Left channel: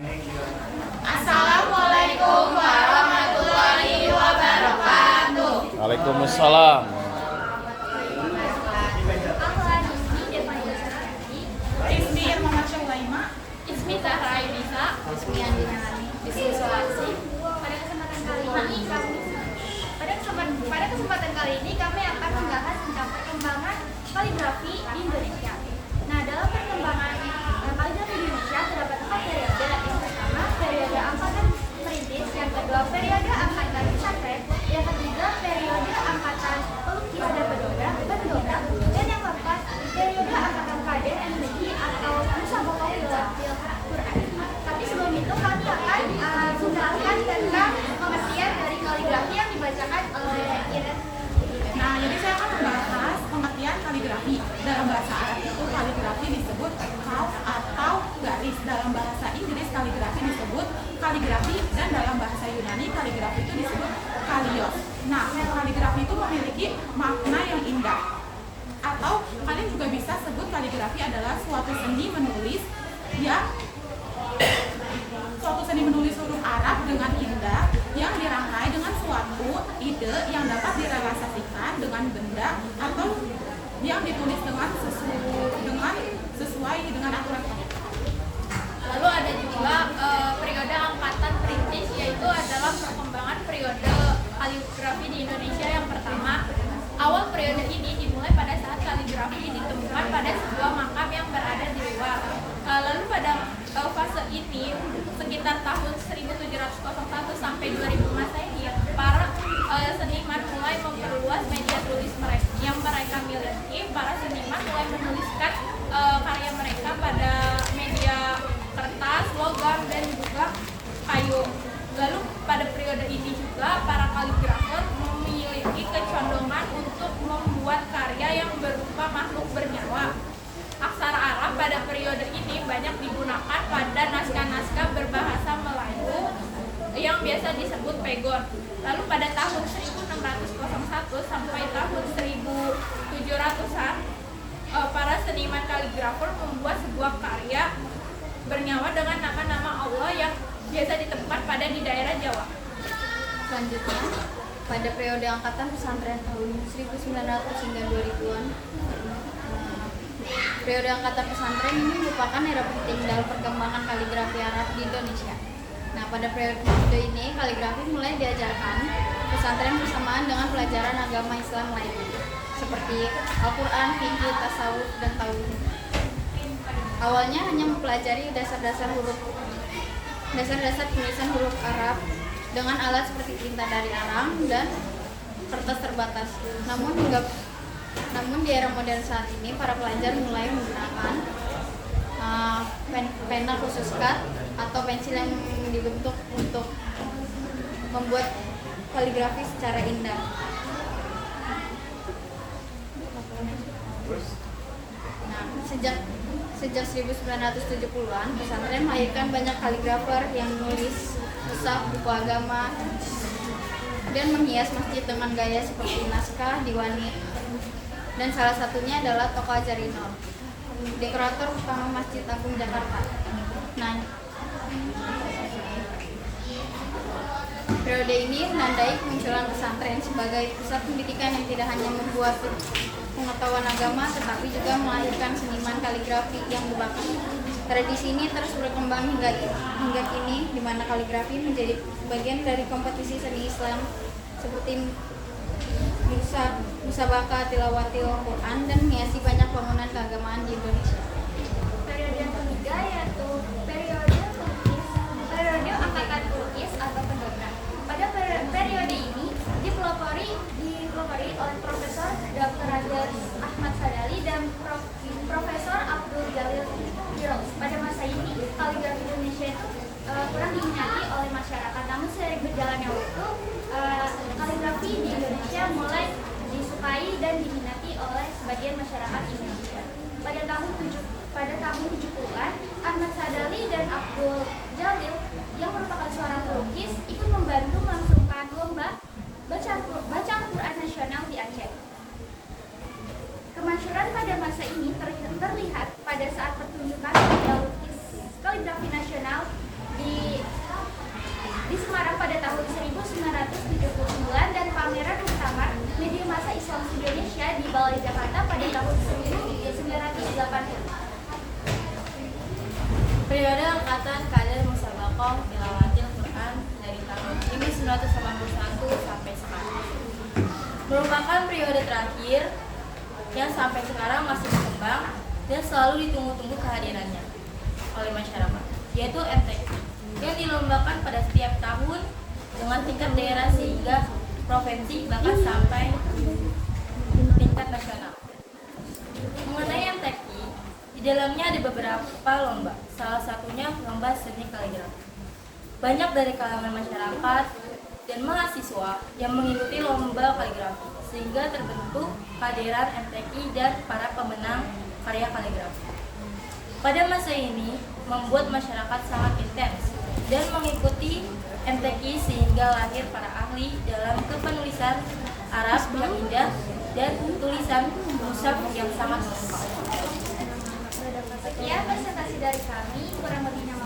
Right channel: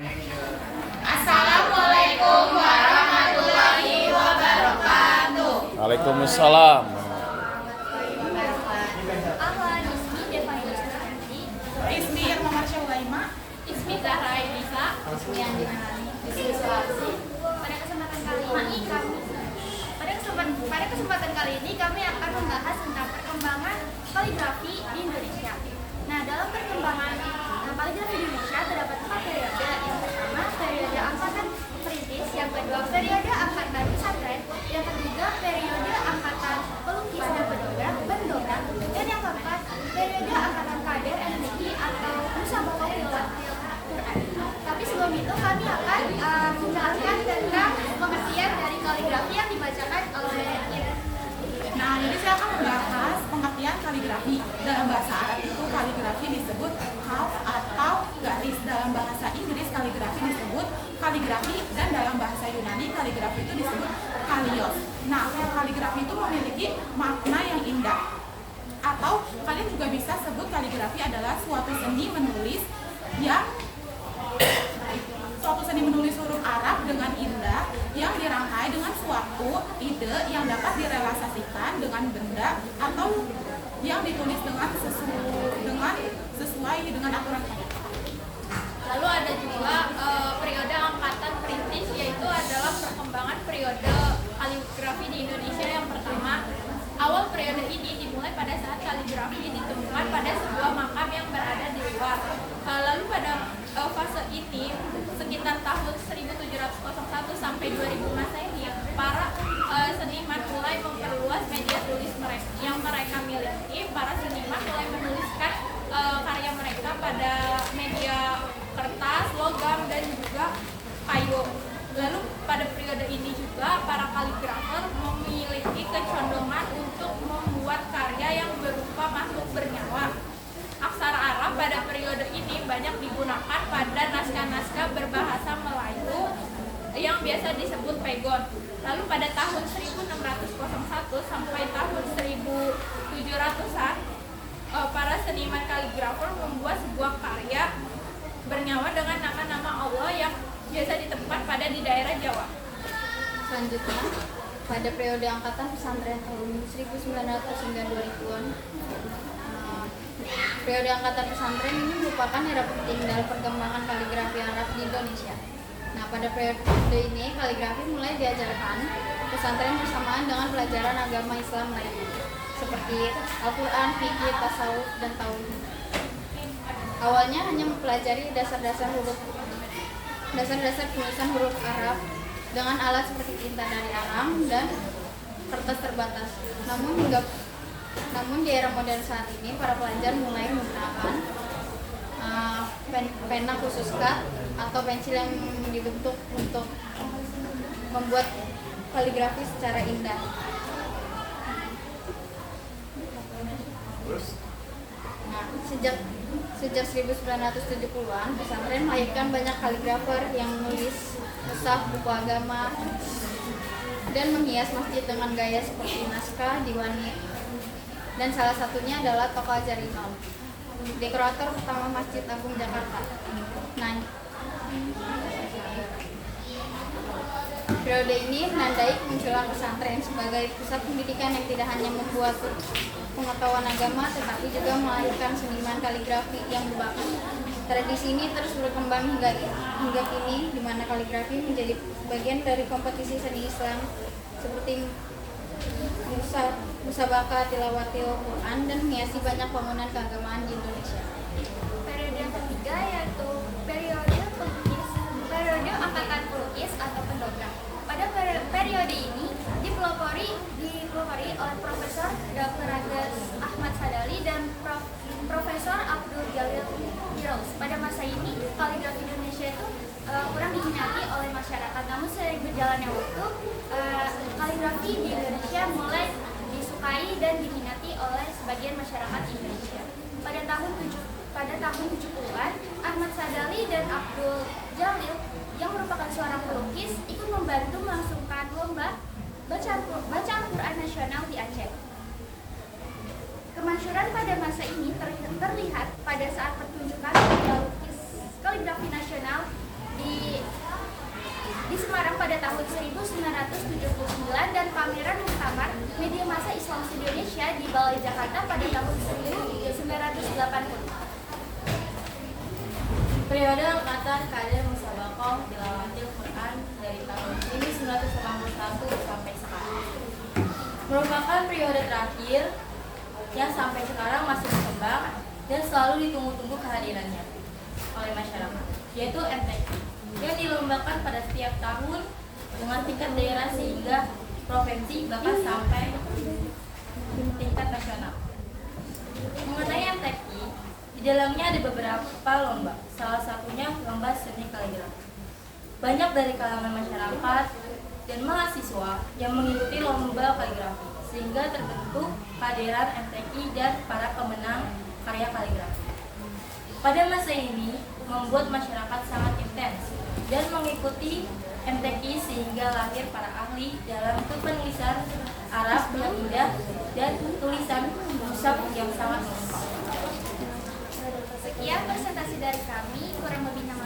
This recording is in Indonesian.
Assalamualaikum warahmatullahi wabarakatuh. Waalaikumsalam. Ismi Irma Syulaima. Ismi Zahra Bisa. Ismi Andi Manani. Ismi Sulawesi. Pada kesempatan kali ini kami akan membahas tentang perkembangan kaligrafi di Indonesia. Nah, dalam perkembangan kaligrafi di Indonesia terdapat 4 periode. Yang pertama, periode angkatan perintis, yang kedua, periode angkatan pesantren, yang ketiga, periode angkatan pelukis dan pendongeng, dan yang keempat, periode angkatan kader MTQ atau Musabaqah Qur'an. Tapi sebelum itu kami akan menjelaskan tentang pengertian dari kaligrafi yang dibacakan oleh Iren. Nah, jadi saya akan membahas pengertian kaligrafi. Dalam bahasa Arab itu kaligrafi disebut khalf atau garis. Dalam bahasa Inggris kaligrafi disebut kaligrafi, dan dalam bahasa Yunani kaligrafi itu disebut kalios. Nah, kaligrafi itu memiliki makna yang indah. Atau kalian juga bisa sebut kaligrafi adalah suatu seni menulis huruf Arab dengan indah yang dirangkai dengan suatu ide yang dapat direalisasikan dengan benda atau yang ditulis dengan sesuai dengan aturan. Lalu ada juga periode angkatan perintis, yaitu adalah perkembangan periode kaligrafi di Indonesia yang pertama. Awal periode ini dimulai pada saat kaligrafi ditemukan pada sebuah makam yang berada di luar. Lalu pada fase ini sekitar tahun 1701 sampai 2000 Masehi, para seniman mulai memperluas media tulis yang mereka miliki. Para seniman mulai menuliskan karya mereka pada media kertas, logam, dan juga kayu. Lalu pada periode ini juga para kaligrafer memiliki kecondongan untuk membuat karya yang berupa makhluk bernyawa. Aksara Arab pada periode ini banyak digunakan pada naskah-naskah berbahasa Melayu yang biasa disebut pegon. Lalu pada tahun 1601 sampai tahun 1700-an, para seniman kaligrafer membuat sebuah karya bernyawa dengan nama-nama Allah yang biasa ditemukan di daerah Jawa. Selanjutnya, pada periode angkatan pesantren tahun 1900 hingga 2000-an, periode angkatan pesantren ini merupakan era penting dalam perkembangan kaligrafi Arab di Indonesia. Nah, pada periode ini kaligrafi mulai diajarkan pesantren bersamaan dengan pelajaran agama Islam lainnya, seperti Al-Quran, fikih, tasawuf, dan tauhid. Awalnya hanya mempelajari dasar-dasar penulisan huruf Arab dengan alat seperti tinta dari alam dan kertas terbatas. Namun di era modern saat ini, para pelajar mulai menggunakan pena khusus cat atau pensil yang dibentuk untuk membuat kaligrafi secara indah. Nah, sejak 1970-an, pesantren melahirkan banyak kaligrafer yang menulis mushaf, buku agama, dan menghias masjid dengan gaya seperti naskah, diwani. Dan salah satunya adalah Toko Azarinal, dekorator utama Masjid Agung Jakarta. Nah, periode ini menandai kemunculan pesantren sebagai pusat pendidikan yang tidak hanya membuat pengetahuan agama, tetapi juga melahirkan seniman kaligrafi yang berbakat. Tradisi ini terus berkembang hingga kini, di mana kaligrafi menjadi bagian dari kompetisi seni Islam seperti Musabaqah Tilawatil Qur'an dan menghiasi banyak bangunan keagamaan di Indonesia. Periode yang ketiga yaitu periode pelukis, periode angkatan pelukis atau pendongeng. Pada periode ini dipelopori oleh Profesor Dr. Ahmad Sadali dan Profesor Abdul Jalil Firdaus. Pada masa ini kaligrafi Indonesia itu kurang diminati oleh masyarakat. Namun seiring berjalannya waktu, kaligrafi di Indonesia mulai disukai dan diminati oleh sebagian masyarakat Indonesia. Pada tahun 70-an, Ahmad Sadali dan Abdul Jalil yang merupakan seorang pelukis ikut membantu melangsungkan lomba bacaan Quran nasional di Aceh. Kemasyhuran pada masa ini terlihat pada saat pertunjukan karya lukis kaligrafi nasional pada tahun 1979 dan pameran muktamar media massa Islam Indonesia di Balai Jakarta pada tahun 1980. Periode angkatan kader Musabakoh Tilawatil Quran dari tahun 1981 sampai sekarang merupakan periode terakhir yang sampai sekarang masih berkembang dan selalu ditunggu-tunggu kehadirannya oleh masyarakat, yaitu MTQ yang dilombakan pada setiap tahun dengan tingkat daerah sehingga provinsi bahkan sampai tingkat nasional. Mengenai MTQ, di dalamnya ada beberapa lomba, salah satunya lomba seni kaligrafi. Banyak dari kalangan masyarakat dan mahasiswa yang mengikuti lomba kaligrafi, sehingga terbentuk kehadiran MTQ dan para pemenang karya kaligrafi. Pada masa ini, membuat masyarakat sangat intens dan mengikuti MTQ sehingga lahir para ahli dalam kepenulisan Arab yang indah dan tulisan mushaf yang sangat lengkap. Sekian presentasi dari kami, kurang lebihnya